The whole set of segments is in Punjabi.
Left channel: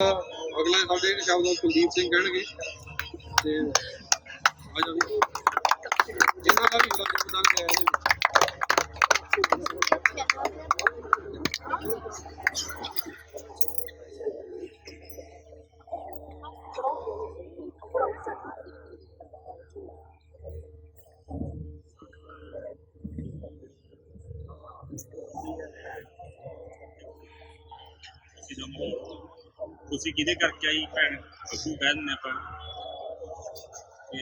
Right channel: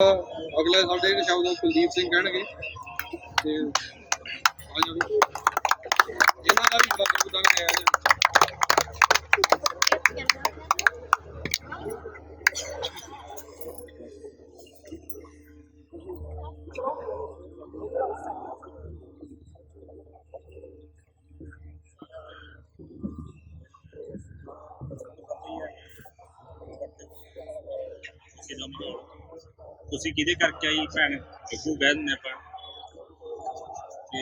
ਅਗਲੇ ਸਾਡੇ ਸ਼ਬਦ ਕੁਲਦੀਪ ਸਿੰਘ ਕਹਿਣਗੇ ਤੇ ਆ ਜਾ ਇਹਨਾਂ ਦਾ ਵੀ ਬੜਾ ਯੋਗਦਾਨ ਹੈ ਇਹਦੇ ਵਿੱਚ। ਤੁਸੀਂ ਕਿਹਦੇ ਕਰਕੇ ਆਈ ਭੈਣ? ਅੱਗੂ ਕਹਿ ਦਿੰਦੇ ਆਪਾਂ ਤੇ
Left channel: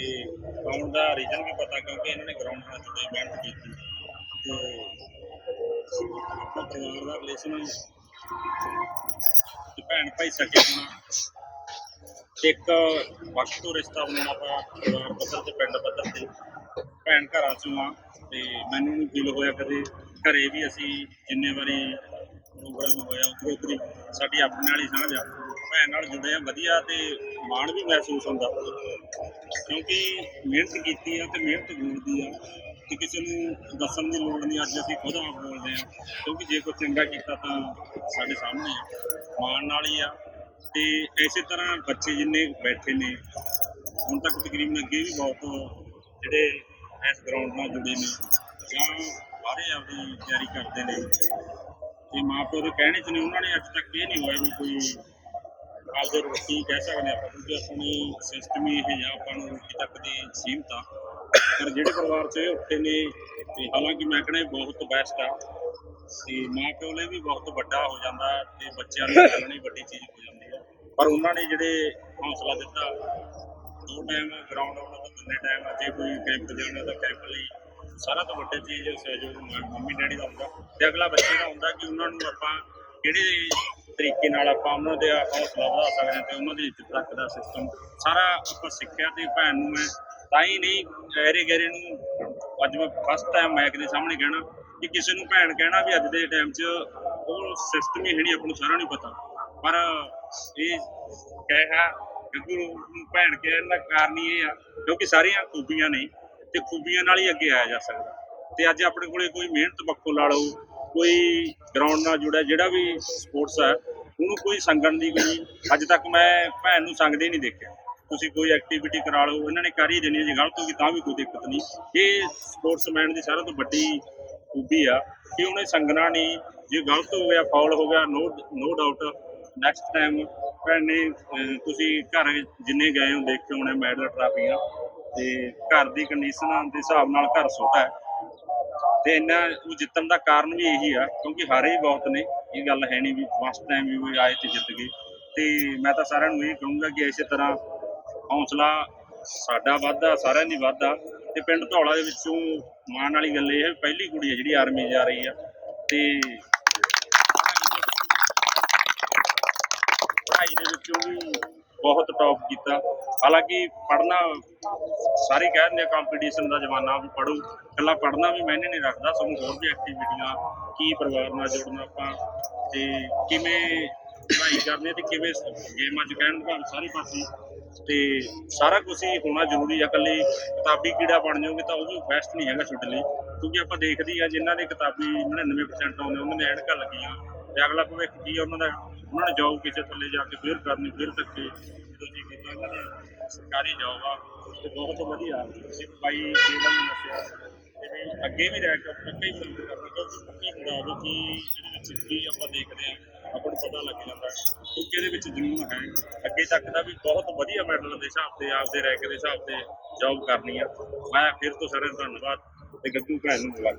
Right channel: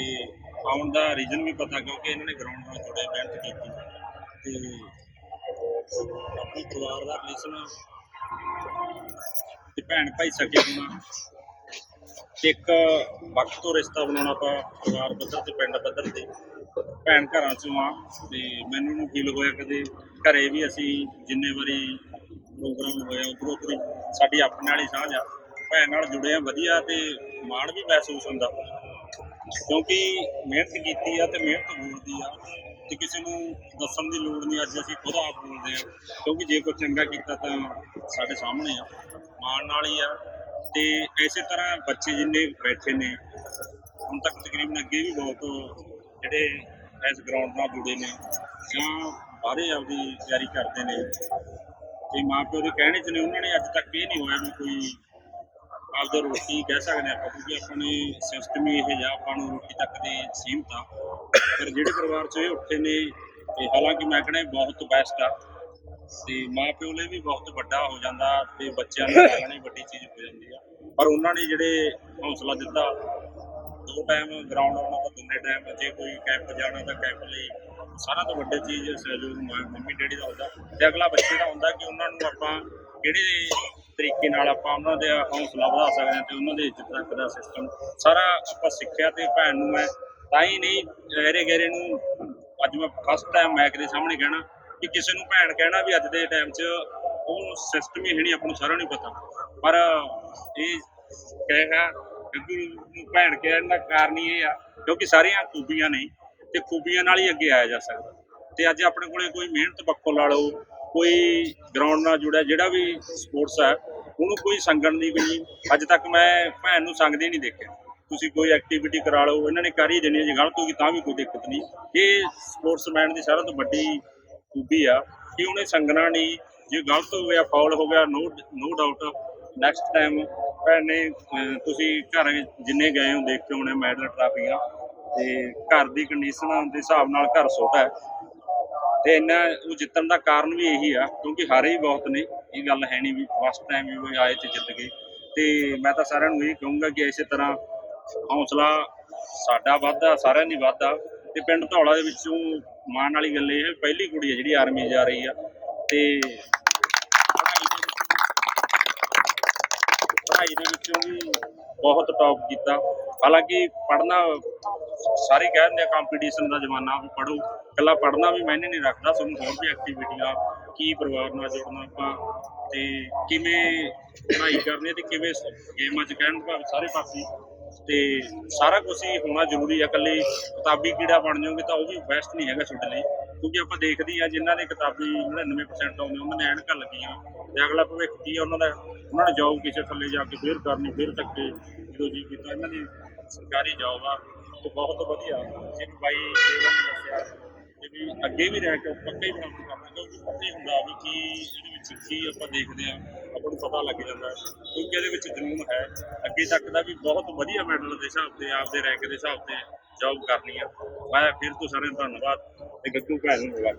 ਆਉਣ ਦਾ ਰੀਜ਼ਨ ਵੀ ਪਤਾ, ਕਿਉਂਕਿ ਇਹਨਾਂ ਨੇ ਗਰਾਊਂਡ ਨਾਲ ਜੁੜੇ, ਮਿਹਨਤ ਕੀਤੀ। ਤੇ ਆਪਣਾ ਪਰਿਵਾਰ ਦਾ ਰਿਲੇਸ਼ਨ ਤੇ ਭੈਣ ਭਾਈ ਸਕੇ ਹੋਣਾ। ਇੱਕ ਵਕਤ ਤੋਂ ਰਿਸ਼ਤਾ ਬਣਾਉਣਾ ਆਪਾਂ ਪਰਿਵਾਰ ਪੱਧਰ ਤੇ, ਪਿੰਡ ਪੱਧਰ ਤੇ, ਭੈਣ ਘਰਾਂ ਚੋਂ ਆ। ਤੇ ਮੈਨੂੰ ਨੂੰ ਫੀਲ ਹੋਇਆ ਕਦੇ। ਘਰੇ ਵੀ ਅਸੀਂ ਜਿੰਨੇ ਵਾਰੀ ਪ੍ਰੋਗਰਾਮ ਹੋਇਆ, ਉਧਰੋਂ ਉਧਰੀ ਸਾਡੀ ਆਪਣੇ ਵਾਲੀ ਸਾਂਝ ਆ। ਭੈਣ ਨਾਲ ਜੁੜੇ ਆ, ਵਧੀਆ ਤੇ ਮਾਣ ਵੀ ਮਹਿਸੂਸ ਹੁੰਦਾ। ਕਿਉਂਕਿ ਮਿਹਨਤ ਕੀਤੀ ਆ ਤੇ ਮਿਹਨਤ ਗੁਣਦੀ ਆ ਤੇ ਕਿਸੇ ਨੂੰ ਦੱਸਣ ਦੀ ਲੋੜ ਨਹੀਂ, ਅੱਜ ਅਸੀਂ ਖੁਦ ਆਪ ਬੋਲਦੇ ਆ। ਕਿਉਂਕਿ ਜੇ ਕੋਈ ਚੰਗਾ ਕੀਤਾ ਤਾਂ ਸਾਡੇ ਸਾਹਮਣੇ ਆ। ਮਾਣ ਨਾਲ ਹੀ ਆ ਤੇ ਇਸੇ ਤਰ੍ਹਾਂ ਬੱਚੇ ਜਿੰਨੇ ਬੈਠੇ ਨੇ, ਹੁਣ ਤੱਕ ਤਕਰੀਬਨ ਅੱਗੇ ਵੀ ਬਹੁਤ ਜਿਹੜੇ ਇਸ ਗਰਾਊਂਡ ਨਾਲ ਜੁੜੇ ਨੇ ਜਾਂ ਬਾਹਰੇ ਆਪਦੀ ਤਿਆਰੀ ਕਰਦੇ ਨੇ। ਤੇ ਮਾਂ ਪਿਓ ਦੇ ਕਹਿਣੇ ਚ ਨੇ, ਉਹਨਾਂ ਨੇ ਅੱਜ ਤੱਕ ਇਹ ਨਹੀਂ ਹੋਇਆ ਵੀ ਕੋਈ ਆਪਦੇ ਰੋਟੀ ਕਹਿ ਸਕਦੇ ਆਪਾਂ ਕਿਉਂਕਿ ਆਪਣੇ ਸਿਸਟਮ ਹੀ ਇਹ ਜਿਹਾ ਆਪਾਂ ਨੂੰ ਰੋਟੀ ਤੱਕ ਦੀ ਸੀਮਤ ਆ। ਪਰ ਜਿਹੜੇ ਪਰਿਵਾਰ ਚ ਇਹ ਉੱਠੇ ਨੇ, ਤੇ ਹਾਲਾਂਕਿ ਮੈਂ ਕਹਿੰਦਾ ਬਹੁਤ ਬੈਸਟ ਆ, ਤੇ ਮਾਂ ਪਿਓ ਲਈ ਵੀ ਬਹੁਤ ਵੱਡਾ ਹੋ ਜਾਂਦਾ ਤੇ ਬੱਚਿਆਂ ਨੂੰ ਕਹਿਣੀ ਵੱਡੀ ਚੀਜ਼ ਹੋ ਜਾਂਦੀ ਆ। ਪਰ ਉਹਨਾਂ ਨੇ ਜਿਹੜੇ ਹੌਸਲਾ ਦਿੱਤਾ, ਦੋ ਟਾਈਮ ਗਰਾਊਂਡ ਆਉਣਾ ਤਾਂ ਦੋਨੇ ਟਾਈਮ ਜੇ ਕੋਈ ਕੈਂਪ ਜਾਣਾ ਤਾਂ ਕੈਂਪ ਲਈ, ਸਾਰਾ ਤੋਂ ਵੱਡੀ ਚੀਜ਼ ਸਹਿਯੋਗ ਮਾਂ- ਮੰਮੀ ਡੈਡੀ ਦਾ ਹੁੰਦਾ ਤੇ ਅਗਲਾ ਬੱਚੇ ਦਾ ਹੁੰਦਾ ਕਿ ਉਹਨਾਂ ਨੂੰ ਆਪਾਂ ਕਿਹੜੇ ਤਰੀਕੇ ਨਾਲ ਆਪਾਂ ਉਹਨਾਂ ਦੇ ਹੌਸਲਾ ਵਧਾ ਸਕਦੇ ਹਾਂ ਤੇ ਉਹਨਾਂ ਦੇ ਇੱਜ਼ਤ ਤੱਕ ਦਾ ਸਿਸਟਮ ਸਾਰਾ ਆਪਾਂ ਸਿੱਖਿਆ ਤੇ ਭੈਣ ਨੂੰ ਮੈਂ ਤਾਂ ਹੀ ਨਹੀਂ, ਗਹਿਰੇ ਗਹਿਰੇ ਨੂੰ ਅੱਜ ਮੈਂ ਫਸਟ ਟਾਈਮ ਮੈਕ ਦੇ ਸਾਹਮਣੇ ਕਹਿਣਾ ਕਿ ਕਿਸੇ ਨੂੰ ਭੈਣ ਕਹਿਣਾ ਵੀ ਅੱਜ ਦੇ ਟਾਈਮ 'ਚ ਉਹ ਸਿਸਟਮ ਹੀ ਹੈ ਨਹੀਂ, ਆਪਾਂ ਨੂੰ ਸਾਰਾ ਨਹੀਂ ਪਤਾ। ਪਰ ਇਹ ਕਹੇਗਾ ਕਿਉਂਕਿ ਭੈਣ ਕਹਿਣ ਦਾ ਕਾਰਨ ਹੀ ਇਹ ਆ, ਕਿਉਂਕਿ ਸਾਰੀਆਂ ਖੂਬੀਆਂ ਨੇ ਤੇ ਖੂਬੀਆਂ ਨਾਲ ਹੀ ਅੱਗੇ ਆਇਆ ਜਾ ਸਕਦਾ। ਤੇ ਅੱਜ ਆਪਣੇ ਕੋਲੇ ਕੋਈ ਮਿਹਨਤ ਪੱਖੋਂ ਲਾ ਲਓ, ਕੋਈ ਗਰਾਊਂਡ ਨਾਲ ਜੁੜਿਆ, ਜਿਹੜਾ ਵੀ ਸਪੋਰਟਸ ਹੈ ਉਹਨੂੰ ਕੋਈ ਸੰਗਣ ਦੀ ਕੋਈ ਅੱਜ ਤੱਕ ਮੈਂ ਭੈਣ ਨੂੰ ਸੰਗਦੇ ਨਹੀਂ ਦੇਖਿਆ। ਤੁਸੀਂ ਕੋਈ ਐਕਟੀਵਿਟੀ ਕਰਾ ਲਓ, ਇਹਨਾਂ ਨੇ ਕਰ ਹੀ ਦੇਣੀ ਜੇ ਗਲਤ ਹੋ ਗਈ ਤਾਂ ਵੀ ਕੋਈ ਦਿੱਕਤ ਨਹੀਂ। ਇਹ ਸਪੋਰਟਸਮੈਨ ਦੀ ਸਾਰਿਆਂ ਤੋਂ ਵੱਡੀ ਖੂਬੀ ਆ ਕਿ ਉਹਨੇ ਸੰਗਣਾ ਨਹੀਂ। ਜੇ ਗਲਤ ਹੋ ਗਿਆ ਫਾਉਲ ਹੋ ਗਿਆ no no doubt next time ਭੈਣ ਨੇ ਤੁਸੀਂ ਘਰ ਜਿੰਨੇ ਗਏ ਹੋ ਦੇਖ ਕੇ ਹੋਣੇ, ਮੈਡਲ, ਟਰਾਫੀਆਂ। ਤੇ ਘਰ ਦੀ ਕੰਡੀਸ਼ਨ ਦੇ ਹਿਸਾਬ ਨਾਲ ਘਰ ਛੋਟਾ ਹੈ। ਤੇ ਇਹਨਾਂ ਉਹ ਜਿੱਤਣ ਦਾ ਕਾਰਨ ਵੀ ਇਹੀ ਆ, ਕਿਉਂਕਿ ਹਾਰੇ ਹੀ ਬਹੁਤ ਨੇ, ਇਹ ਗੱਲ ਹੈ ਨਹੀਂ ਵੀ ਫਸਟ ਟਾਈਮ ਵੀ ਉਹ ਆਏ ਤੇ ਜਿੱਤ ਗਏ। ਤੇ ਮੈਂ ਤਾਂ ਸਾਰਿਆਂ ਨੂੰ ਇਹ ਕਹੂੰਗਾ ਕਿ ਇਸੇ ਤਰ੍ਹਾਂ ਹੌਸਲਾ ਸਾਡਾ ਵਾਧਾ ਸਾਰਿਆਂ ਦੀ ਵਾਧਾ ਤੇ ਪਿੰਡ ਧੌਲਾ ਦੇ ਵਿੱਚੋਂ ਮਾਣ ਵਾਲੀ ਗੱਲ ਇਹ ਹੈ ਵੀ ਪਹਿਲੀ ਕੁੜੀ ਹੈ ਜਿਹੜੀ ਆਰਮੀ ਜਾ ਰਹੀ ਆ। ਤੇ ਪੜ੍ਹਾਈ ਦੇ ਵਿੱਚੋਂ ਵੀ ਬਹੁਤ ਟੌਪ ਕੀਤਾ। ਹਾਲਾਂਕਿ ਪੜ੍ਹਨਾ ਸਾਰੇ ਕਹਿ ਦਿੰਦੇ ਆ ਕੰਪੀਟੀਸ਼ਨ ਦਾ ਜ਼ਮਾਨਾ ਵੀ ਪੜ੍ਹੋ, ਇਕੱਲਾ ਪੜ੍ਹਨਾ ਵੀ ਮੈਨੇ ਨਹੀਂ ਰੱਖਦਾ ਸਾਨੂੰ ਹੋਰ ਵੀ ਐਕਟੀਵਿਟੀਆਂ ਕੀ ਪਰਿਵਾਰ ਨਾਲ ਜੁੜਨਾ ਆਪਾਂ, ਤੇ ਕਿਵੇਂ ਪੜ੍ਹਾਈ ਕਰਨੀ ਹੈ ਤੇ ਕਿਵੇਂ ਗੇਮਾਂ 'ਚ ਕਹਿਣ ਭਾਵੇਂ ਸਾਰੇ ਪਾਸੇ ਤੇ ਸਾਰਾ ਕੁਝ ਹੀ ਹੋਣਾ ਜ਼ਰੂਰੀ ਆ, ਇਕੱਲੇ ਕਿਤਾਬੀ ਕੀੜਾ ਬਣ ਜਾਓਗੇ ਤਾਂ ਉਹ ਵੀ ਬੈਸਟ ਨਹੀਂ ਹੈਗਾ ਤੁਹਾਡੇ ਲਈ, ਕਿਉਂਕਿ ਆਪਾਂ ਦੇਖਦੇ ਆ, ਜਿਨ੍ਹਾਂ ਦੇ ਕਿਤਾਬੀ 99% ਆਉਂਦੇ, ਉਹਨਾਂ ਨੇ ਐਨਕਾਂ ਲੱਗੀਆਂ, ਤੇ ਅਗਲਾ ਭਵਿੱਖ ਕੀ ਆ, ਉਹਨਾਂ ਦਾ, ਉਹਨਾਂ ਨੇ ਜੋਬ ਕਿਸੇ ਥੱਲੇ ਜਾ ਕੇ ਫੇਰ ਕਰਨੀ, ਫੇਰ ਤੱਕ ਜਦੋਂ ਜੀ ਕੀਤਾ, ਇਹਨਾਂ ਦੀ ਸਰਕਾਰੀ ਜੋਬ ਆ। ਤੇ ਬਹੁਤ ਵਧੀਆ ਇੱਕ ਬਾਈ ਜਿਹੜਾ ਨੇ ਦੱਸਿਆ ਤੇ ਵੀ ਅੱਗੇ ਵੀ ਰਹਿ ਕੇ ਪੱਕੇ ਹੀ ਕੰਮ ਕਰਨਾ ਕਿਉਂਕਿ ਪਤਾ ਹੀ ਹੁੰਦਾ ਵੀ ਕੀ ਇਹਦੇ ਵਿੱਚ ਕੀ ਆਪਾਂ ਦੇਖਦੇ ਆ ਆਪਾਂ ਨੂੰ ਪਤਾ ਲੱਗ ਜਾਂਦਾ ਕਿਉਂਕਿ ਇਹਦੇ ਵਿੱਚ ਜਨੂਨ ਹੈ। ਅੱਗੇ ਤੱਕ ਦਾ ਵੀ ਬਹੁਤ ਵਧੀਆ ਮੈਡਲ ਦੇ ਹਿਸਾਬ ਤੇ, ਆਪਦੇ ਰੈਂਕ ਦੇ ਹਿਸਾਬ ਤੇ ਜੌਬ ਕਰਨੀ ਆ। ਮੈਂ ਫਿਰ ਤੋਂ ਸਾਰਿਆਂ ਦਾ ਧੰਨਵਾਦ ਤੇ ਗੱਗੂ ਭੈਣ ਨੂੰ ਮਿਲਾ